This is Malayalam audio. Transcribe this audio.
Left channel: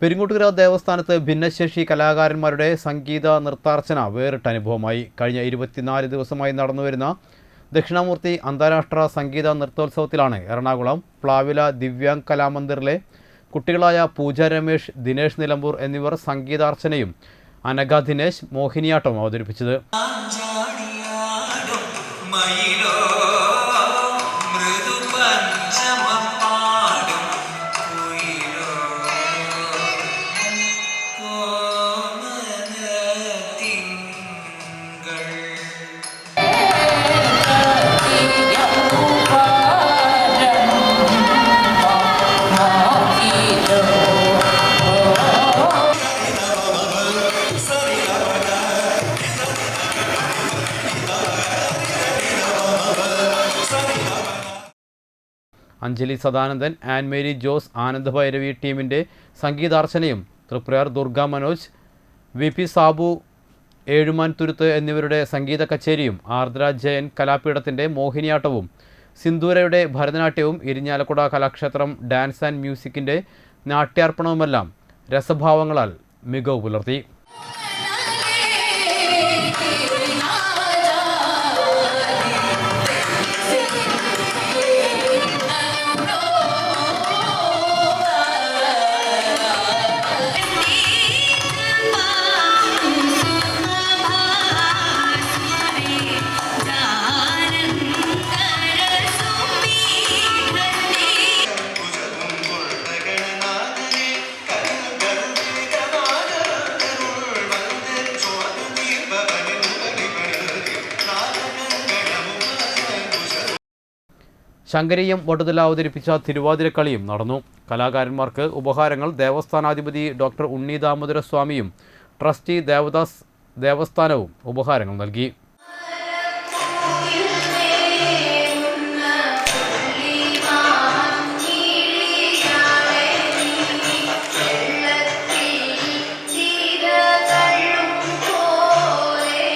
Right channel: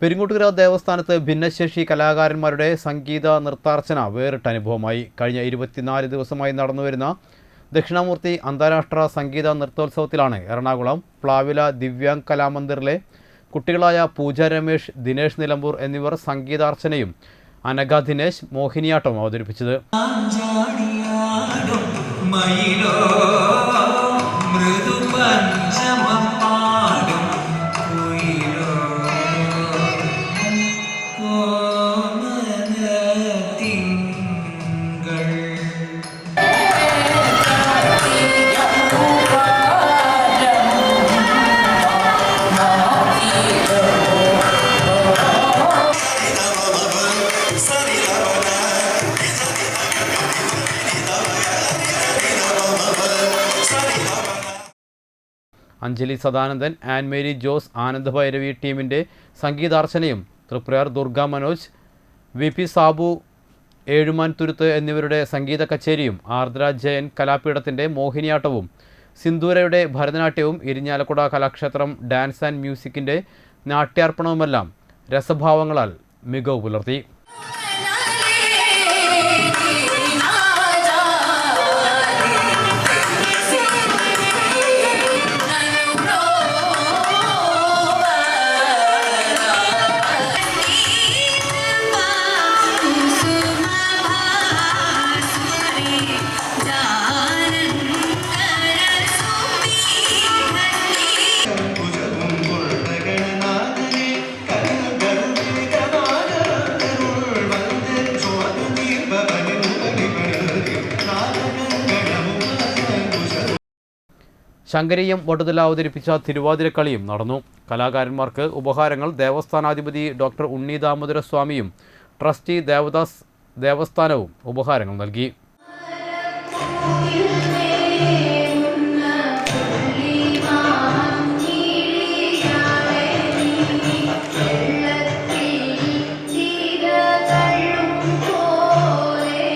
പെരിങ്ങോട്ടുകര ദേവസ്ഥാനത്ത് ഭിന്നശേഷി കലാകാരന്മാരുടെ സംഗീത നൃത്താർച്ചന വേറിട്ട അനുഭവമായി. കഴിഞ്ഞ 24 ദിവസമായി നടന്നുവരുന്ന ദക്ഷിണാമൂർത്തി അന്താരാഷ്ട്ര സംഗീത നൃത്തോത്സവത്തിലാണ് എറണാകുളം പ്ലാവില ദിവ്യാംഗ് കലാമന്ദിറിലെ കുട്ടികളായ പൂജ രമേശ്, ദിനേശ് നിലമ്പൂർ എന്നിവർ സംഗീതാർച്ചനയും അനഘ ദിനേശ് മോഹിനിയാട്ടവും അവതരിപ്പിച്ചത്. അഞ്ജലി സദാനന്ദൻ, ആൻ മേരി ജോസ്, ആനന്ദ ഭൈരവി ടീമിൻ്റെ സംഗീതാർച്ചനയും തൃപ്രയാർ ദുർഗ മനോജ്, വി.പി. സാബു, ഏഴുമാൻ തുരുത്ത് എന്നിവരുടെ സംഗീത കച്ചേരിയും ആർദ്ര ജയൻ കലാപീഠത്തിൻ്റെ മോഹിനിയാട്ടവും സിന്ദൂരയുടെ ഭരതനാട്യവും ഇരിഞ്ഞാലക്കുട കലാക്ഷേത്രം ഡാൻസ് ആൻഡ് മ്യൂസിക്കിൻ്റെ നാട്യാർപ്പണവുമെല്ലാം രസഭാവങ്ങളാൽ മികവ് പുലർത്തി. ശങ്കരീയം വടുതല അവതരിപ്പിച്ച തിരുവാതിരക്കളിയും നടന്നു. കലാകാരന്മാർക്ക് ഉപഹാരങ്ങൾ ദേവസ്ഥാനാധിപതി ഡോക്ടർ ഉണ്ണി ദാമോദര സ്വാമിയും ട്രസ്റ്റി ദേവദാസ് ദേവസ്ഥാനവും ഉപഹാരങ്ങൾ നൽകി.